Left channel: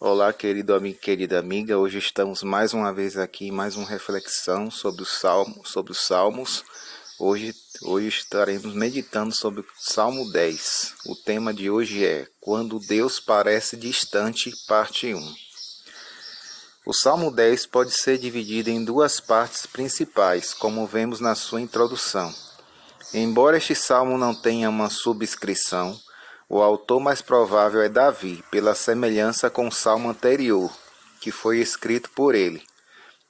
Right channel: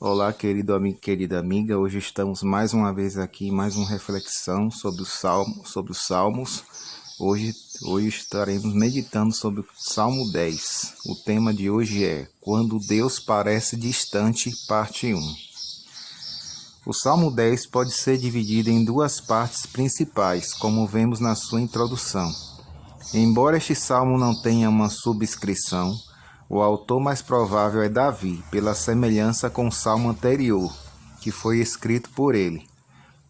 Olá, querido amigo, querida amiga. Hoje estamos mais uma vez aqui, em mais uma reflexão sobre os Salmos. Hoje estaremos meditando sobre o Salmo 10. O tema de hoje é Quando Deus parece distante, parte 1. O Salmo 10 pode ser dividido em duas partes principais, como vemos na sua introdução. Embora este salmo não tenha uma subscrição, o autor mais provável é Davi, pela semelhança com o salmo anterior, que foi escrito por ele.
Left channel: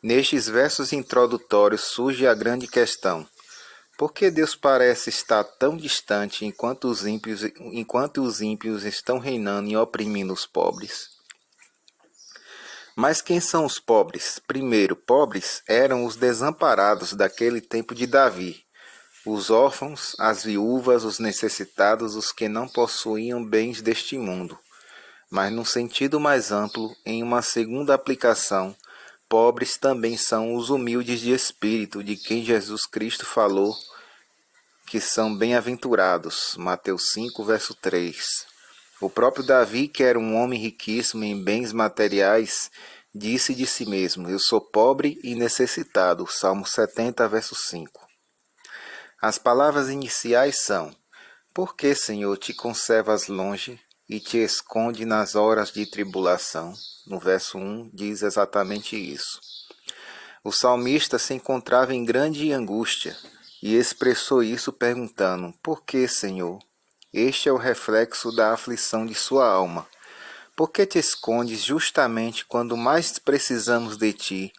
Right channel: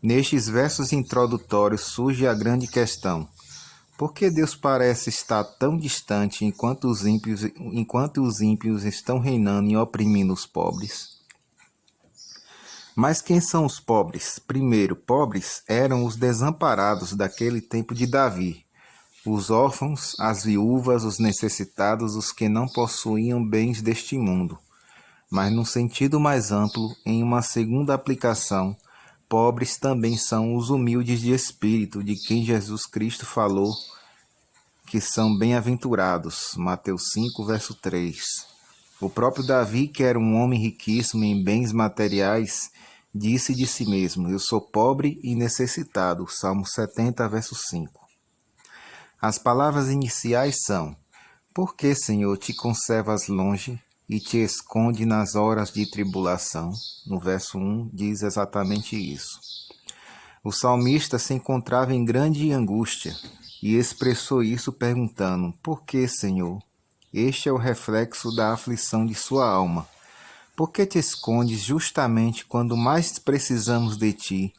Nestes versos introdutórios surge a grande questão: por que Deus parece estar tão distante enquanto os ímpios estão reinando e oprimindo os pobres? Mas quem são os pobres? Primeiro, pobres eram os desamparados daquele tempo de Davi, os órfãos, as viúvas, os necessitados, os que não possuíam bens deste mundo. Mas, num sentido mais amplo, em uma segunda aplicação, pobres também são os humildes de espírito, de quem Jesus Cristo falou que são bem-aventurados. Mateus 5, verso 3. O próprio Davi, que era um homem riquíssimo em bens materiais, disse de si mesmo: Eu sou pobre e necessitado. Salmo 70, verso 5. As palavras iniciais são: Por que, Senhor, te conservas longe e te esconde nas horas de tribulação? No verso 1 diz exatamente isso. O salmista se encontrava em grande angústia e expressou isso perguntando: Por que, Senhor? Este é o reflexo da aflição de sua alma. Por que te escondes justamente quando mais precisamos de ti,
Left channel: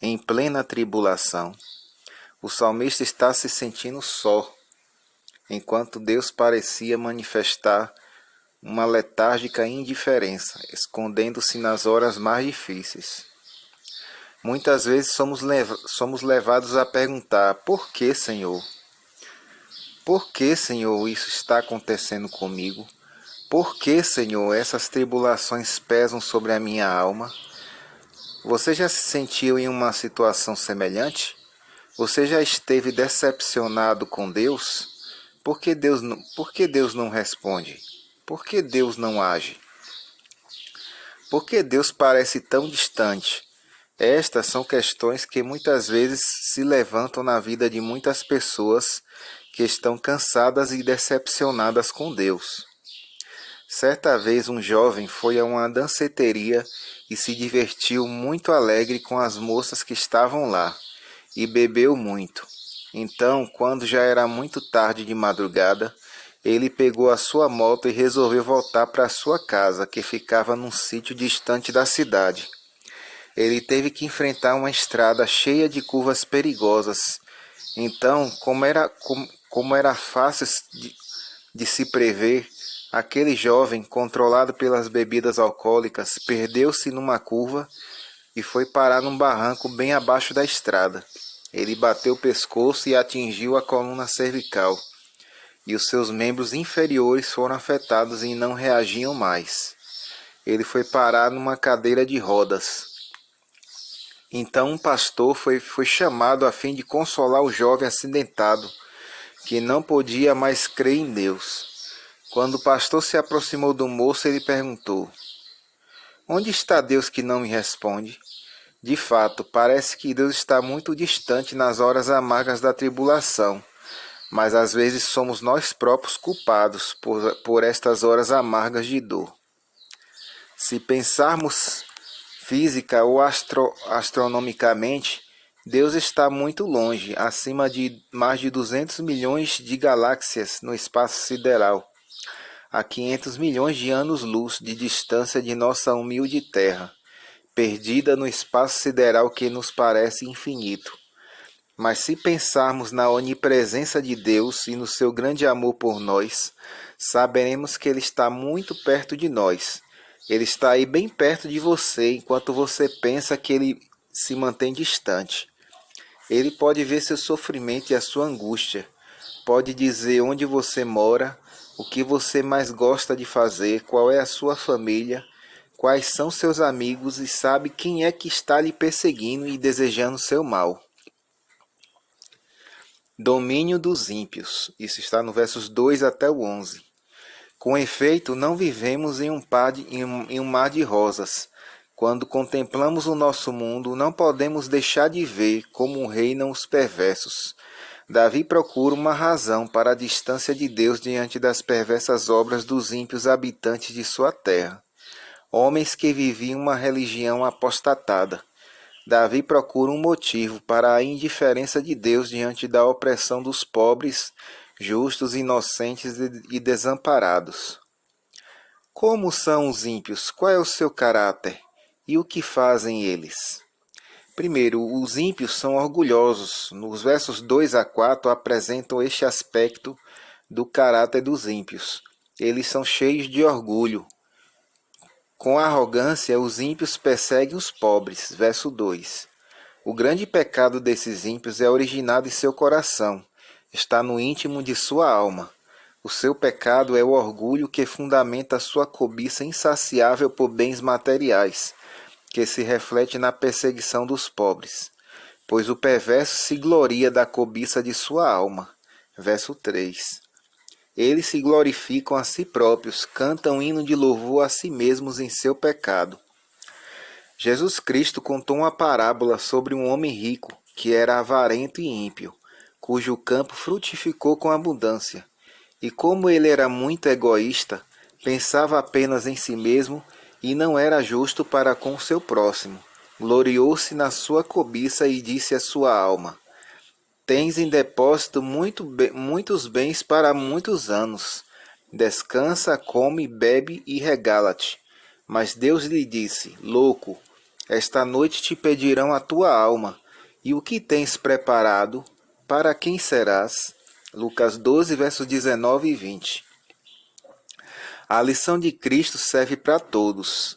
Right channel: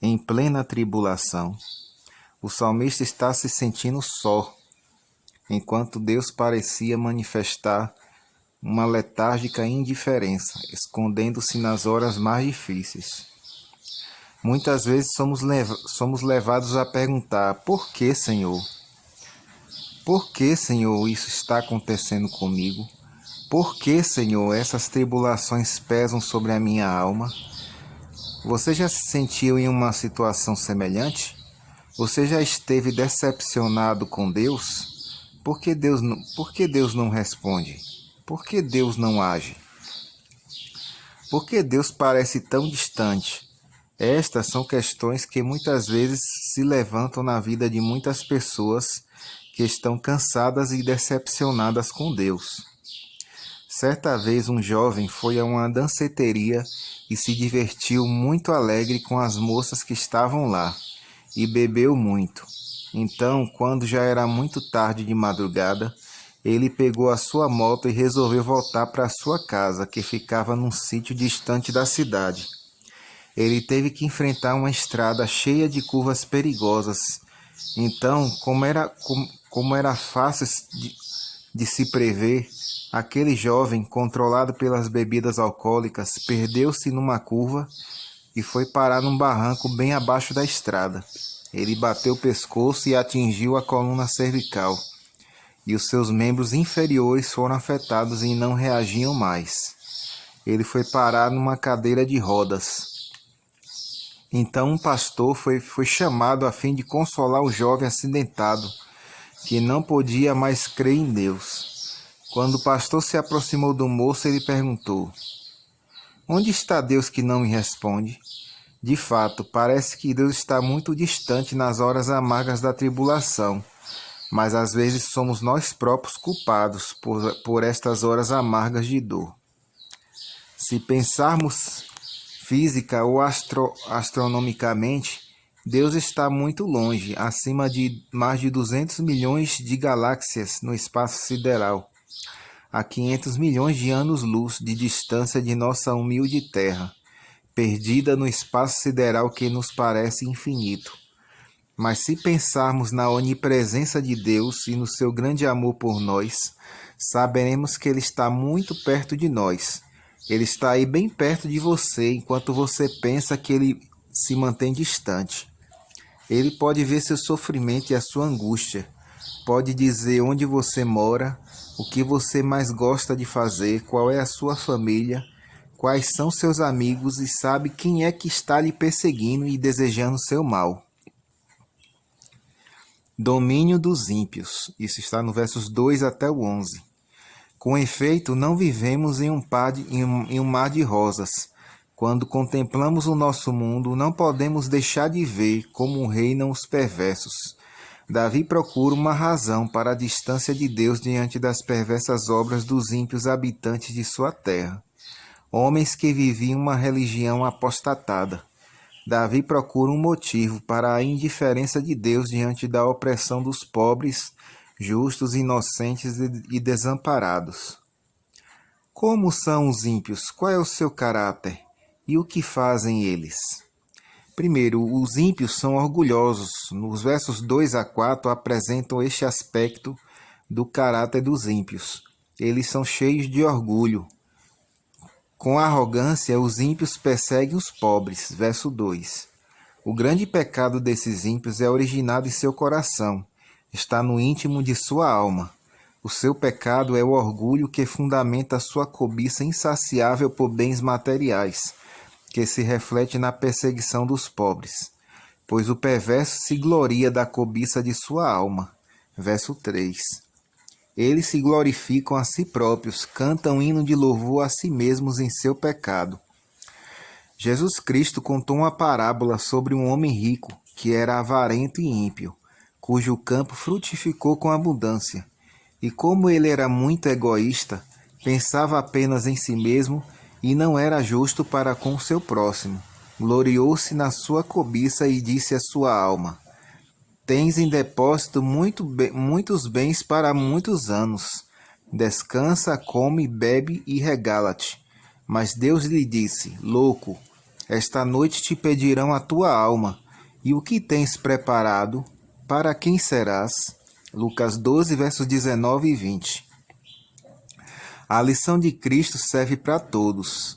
em plena tribulação? O salmista está se sentindo só, enquanto Deus parecia manifestar uma letárgica indiferença, escondendo-se nas horas mais difíceis. Muitas vezes somos levados a perguntar: por que, Senhor? Por que, Senhor, isso está acontecendo comigo? Por que, Senhor, essas tribulações pesam sobre a minha alma? Você já se sentiu em uma situação semelhante? Você já esteve decepcionado com Deus? Por que Deus não responde? Por que Deus não age? Por que Deus parece tão distante? Estas são questões que muitas vezes se levantam na vida de muitas pessoas que estão cansadas e decepcionadas com Deus. Certa vez um jovem foi a uma danceteria e se divertiu muito alegre com as moças que estavam lá, e bebeu muito. Então, quando já era muito tarde de madrugada, ele pegou a sua moto e resolveu voltar para sua casa, que ficava num sítio distante da cidade. Ele teve que enfrentar uma estrada cheia de curvas perigosas. Então, como era fácil de se prever, aquele jovem, controlado pelas bebidas alcoólicas, perdeu-se numa curva e foi parar num barranco bem abaixo da estrada. Ele bateu o pescoço e atingiu a coluna cervical, e os seus membros inferiores foram afetados e não reagiam mais. Ele foi parar numa cadeira de rodas. Então um pastor foi chamado a fim de consolar o jovem acidentado, que não podia mais crer em Deus. Quando o pastor se aproximou do moço, ele perguntou: Onde está Deus que não me responde? De fato, parece que Deus está muito distante nas horas amargas da tribulação, mas às vezes somos nós próprios culpados por estas horas amargas de dor. Se pensarmos física ou astronomicamente, Deus está muito longe, acima de mais de 200 milhões de galáxias no espaço sideral, a 500 milhões de anos-luz de distância de nossa humilde Terra, perdida no espaço sideral que nos parece infinito. Mas se pensarmos na onipresença de Deus e no seu grande amor por nós, saberemos que Ele está muito perto de nós. Ele está aí bem perto de você, enquanto você pensa que Ele se mantém distante. Ele pode ver seu sofrimento e a sua angústia. Pode dizer onde você mora, o que você mais gosta de fazer, qual é a sua família, quais são seus amigos e sabe quem é que está lhe perseguindo e desejando seu mal. Domínio dos ímpios. Isso está no versos 2 até o 11. Com efeito, não vivemos em um mar de rosas. Quando contemplamos o nosso mundo, não podemos deixar de ver como reinam os perversos. Davi procura uma razão para a distância de Deus diante das perversas obras dos ímpios habitantes de sua terra. Homens que viviam uma religião apostatada. Davi procura um motivo para a indiferença de Deus diante da opressão dos pobres, justos, inocentes e desamparados. Como são os ímpios? Qual é o seu caráter? E o que fazem eles? Primeiro, os ímpios são orgulhosos. Nos versos 2 a 4 apresentam este aspecto do caráter dos ímpios. Eles são cheios de orgulho. Com arrogância, os ímpios perseguem os pobres. Verso 2. O grande pecado desses ímpios é originado em seu coração. Está no íntimo de sua alma. O seu pecado é o orgulho que fundamenta sua cobiça insaciável por bens materiais, que se reflete na perseguição dos pobres, pois o perverso se gloria da cobiça de sua alma. Verso 3. Eles se glorificam a si próprios, cantam hino de louvor a si mesmos em seu pecado. Jesus Cristo contou uma parábola sobre um homem rico, que era avarento e ímpio, cujo campo frutificou com abundância. E como ele era muito egoísta, pensava apenas em si mesmo e não era justo para com o seu próximo. Gloriou-se na sua cobiça e disse à sua alma: Tens em depósito muitos bens para muitos anos. Descansa, come, bebe e regala-te. Mas Deus lhe disse: Louco, esta noite te pedirão a tua alma. E o que tens preparado? Para quem serás? Lucas 12, versos 19 e 20. A lição de Cristo serve para todos.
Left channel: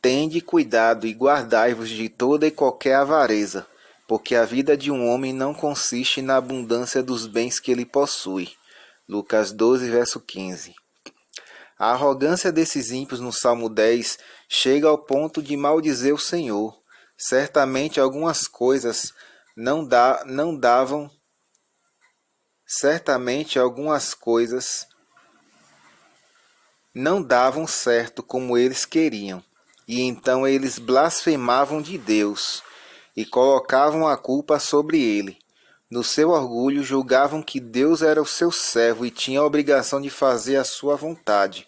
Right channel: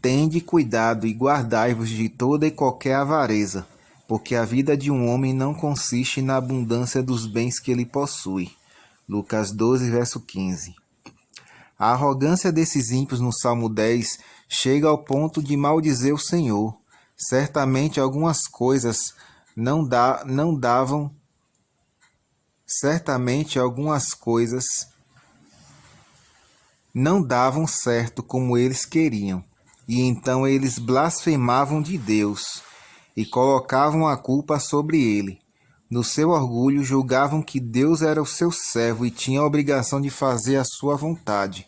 Tende cuidado e guardai-vos de toda e qualquer avareza, porque a vida de um homem não consiste na abundância dos bens que ele possui. Lucas 12, verso 15. A arrogância desses ímpios no Salmo 10 chega ao ponto de maldizer o Senhor. Certamente algumas coisas não davam certo como eles queriam, e então eles blasfemavam de Deus e colocavam a culpa sobre ele. No seu orgulho, julgavam que Deus era o seu servo e tinha a obrigação de fazer a sua vontade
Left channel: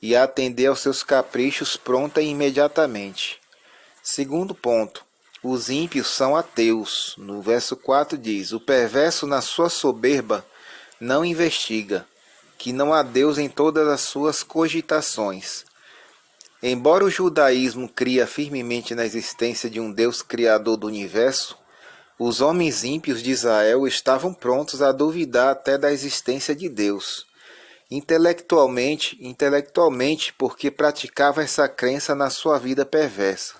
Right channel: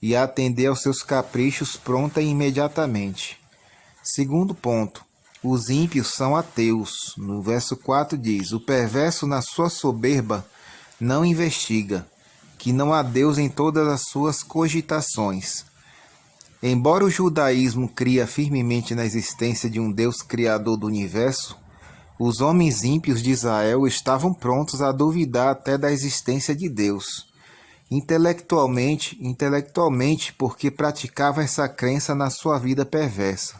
e atender aos seus caprichos pronta e imediatamente. Segundo ponto, os ímpios são ateus. No verso 4 diz: O perverso na sua soberba não investiga, que não há Deus em todas as suas cogitações. Embora o judaísmo cria firmemente na existência de um Deus criador do universo, os homens ímpios de Israel estavam prontos a duvidar até da existência de Deus. Intelectualmente, porque praticavam essa crença na sua vida perversa.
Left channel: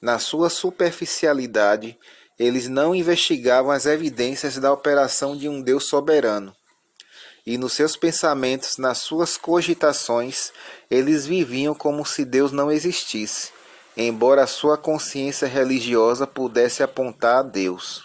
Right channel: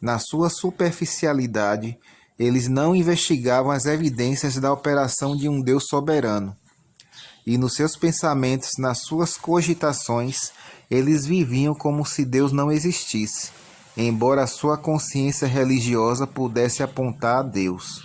Na sua superficialidade, eles não investigavam as evidências da operação de um Deus soberano. E nos seus pensamentos, nas suas cogitações, eles viviam como se Deus não existisse, embora a sua consciência religiosa pudesse apontar a Deus.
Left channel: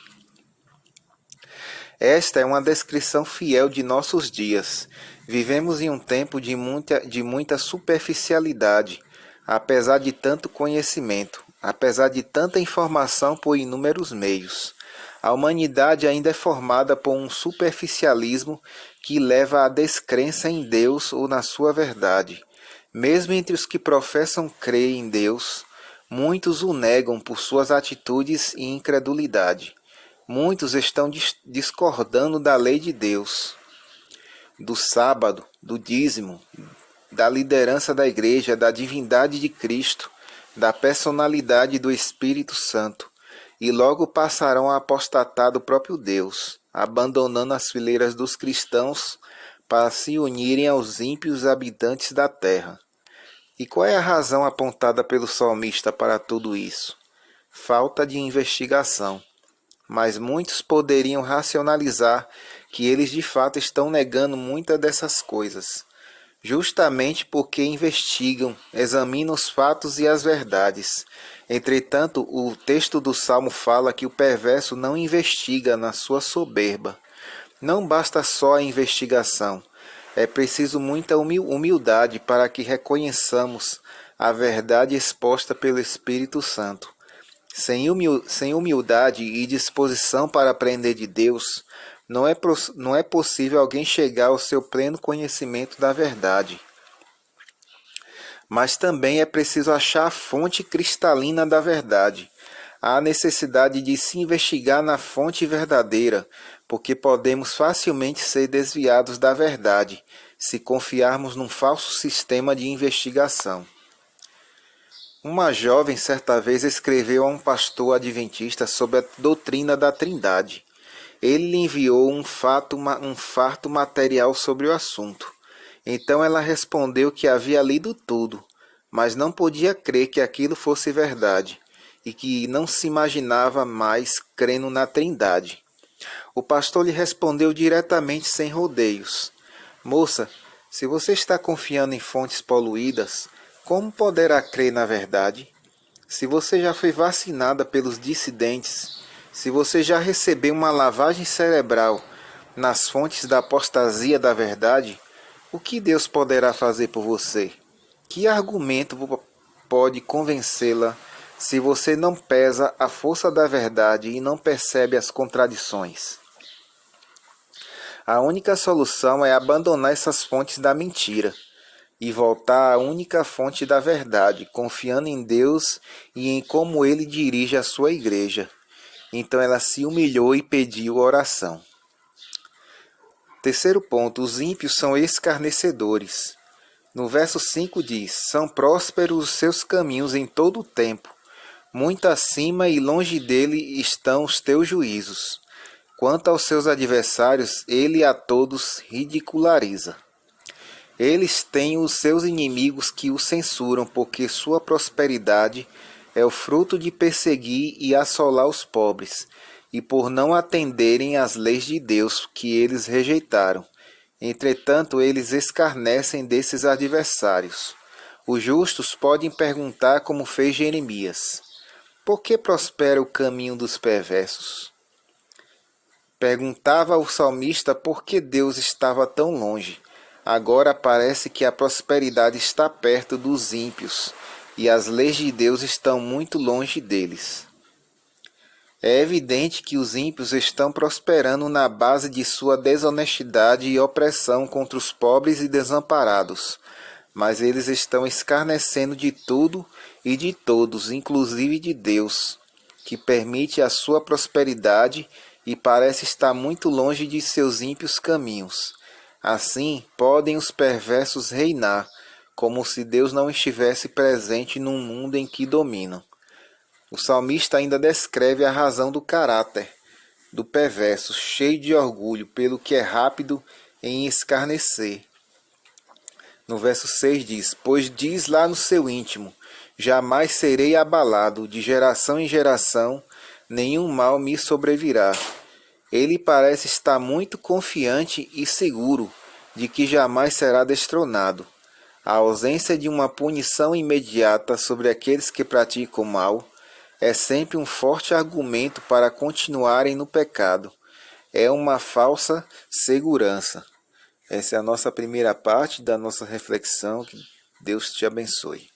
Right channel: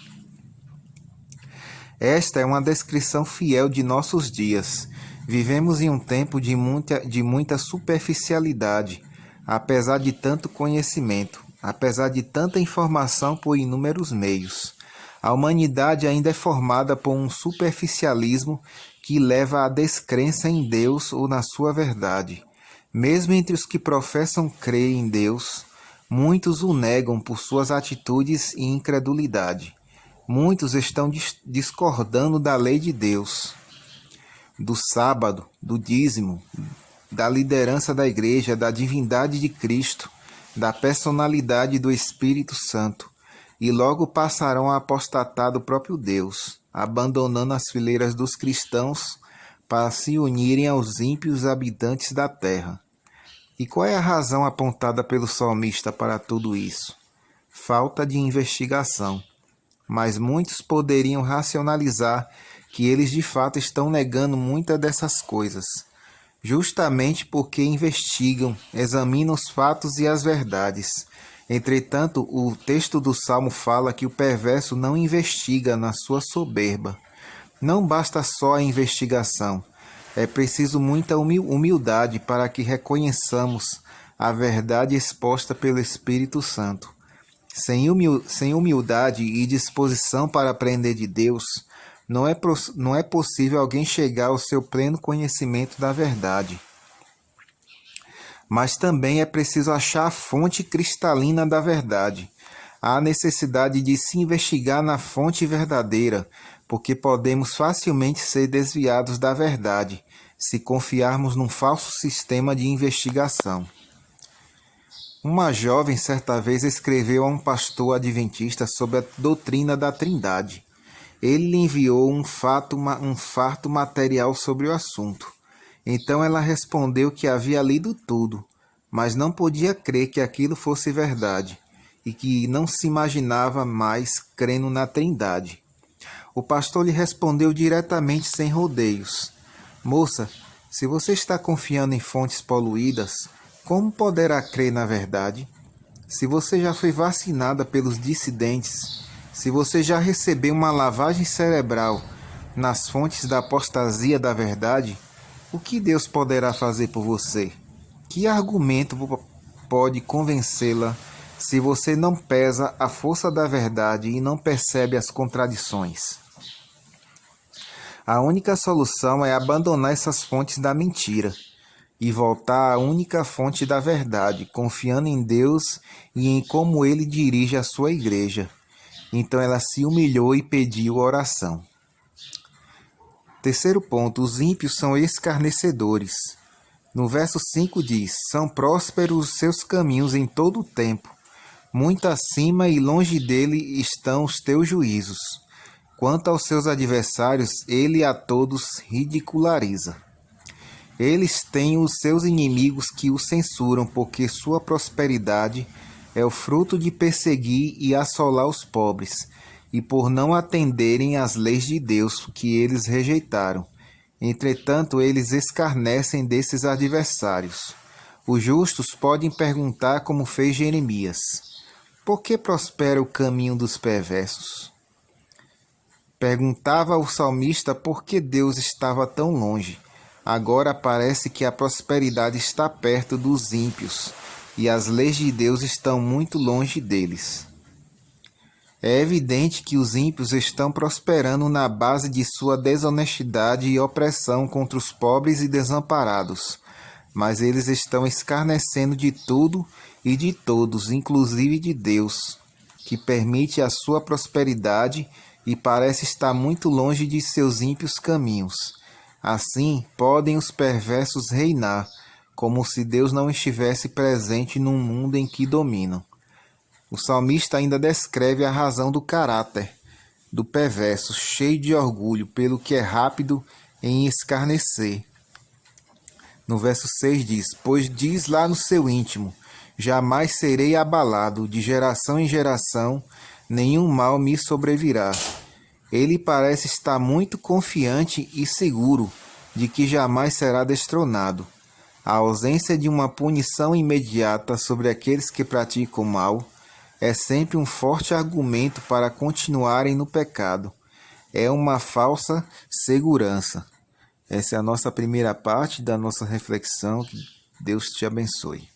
Esta é uma descrição fiel de nossos dias. Vivemos em um tempo de muita superficialidade, apesar de tanto conhecimento, apesar de tanta informação por inúmeros meios. A humanidade ainda é formada por um superficialismo que leva à descrença em Deus ou na sua verdade. Mesmo entre os que professam crer em Deus, muitos o negam por suas atitudes e incredulidade. Muitos estão discordando da lei de Deus, do sábado, do dízimo, da liderança da igreja, da divindade de Cristo, da personalidade do Espírito Santo, e logo passarão a apostatar do próprio Deus, abandonando as fileiras dos cristãos para se unirem aos ímpios habitantes da terra. E qual é a razão apontada pelo salmista para tudo isso? Falta de investigação. Mas muitos poderiam racionalizar que eles de fato estão negando muitas dessas coisas, justamente porque investigam, examinam os fatos e as verdades. Entretanto, o texto do Salmo fala que o perverso não investiga na sua soberba. Não basta só a investigação. É preciso muita humildade para que reconheçamos a verdade exposta pelo Espírito Santo. Sem humildade e disposição para aprender de Deus, não é possível alguém chegar ao seu pleno conhecimento da verdade. Mas também é preciso achar a fonte cristalina da verdade. Há necessidade de se investigar na fonte verdadeira, porque podemos facilmente ser desviados da verdade, se confiarmos num falso sistema de investigação. Uma jovem certa vez escreveu a um pastor adventista sobre a doutrina da Trindade. Ele lhe enviou um farto material sobre o assunto. Então ela respondeu que havia lido tudo, mas não podia crer que aquilo fosse verdade, e que não se imaginava mais crendo na Trindade. O pastor lhe respondeu diretamente, sem rodeios: Moça, se você está confiando em fontes poluídas, como poderá crer na verdade? Se você já foi vacinada pelos dissidentes, se você já recebeu uma lavagem cerebral nas fontes da apostasia da verdade, o que Deus poderá fazer por você? Que argumento pode convencê-la se você não pesa a força da verdade e não percebe as contradições? A única solução é abandonar essas fontes da mentira e voltar à única fonte da verdade, confiando em Deus e em como Ele dirige a sua igreja. Então ela se humilhou e pediu oração. Terceiro ponto, os ímpios são escarnecedores. No verso 5 diz: São prósperos os seus caminhos em todo o tempo. Muito acima e longe dele estão os teus juízos. Quanto aos seus adversários, ele a todos ridiculariza. Eles têm os seus inimigos que o censuram, porque sua prosperidade é o fruto de perseguir e assolar os pobres, e por não atenderem às leis de Deus que eles rejeitaram. Entretanto, eles escarnecem desses adversários. Os justos podem perguntar, como fez Jeremias: por que prospera o caminho dos perversos? Perguntava o salmista por que Deus estava tão longe. Agora parece que a prosperidade está perto dos ímpios e as leis de Deus estão muito longe deles. É evidente que os ímpios estão prosperando na base de sua desonestidade e opressão contra os pobres e desamparados, mas eles estão escarnecendo de tudo e de todos, inclusive de Deus, que permite a sua prosperidade e parece estar muito longe de seus ímpios caminhos. Assim, podem os perversos reinar, como se Deus não estivesse presente num mundo em que dominam. O salmista ainda descreve a razão do caráter do perverso, cheio de orgulho, pelo que é rápido em escarnecer. No verso 6 diz: Pois diz lá no seu íntimo: jamais serei abalado, de geração em geração nenhum mal me sobrevirá. Ele parece estar muito confiante e seguro de que jamais será destronado. A ausência de uma punição imediata sobre aqueles que praticam o mal é sempre um forte argumento para continuarem no pecado. É uma falsa segurança. Essa é a nossa primeira parte da nossa reflexão. Que Deus te abençoe.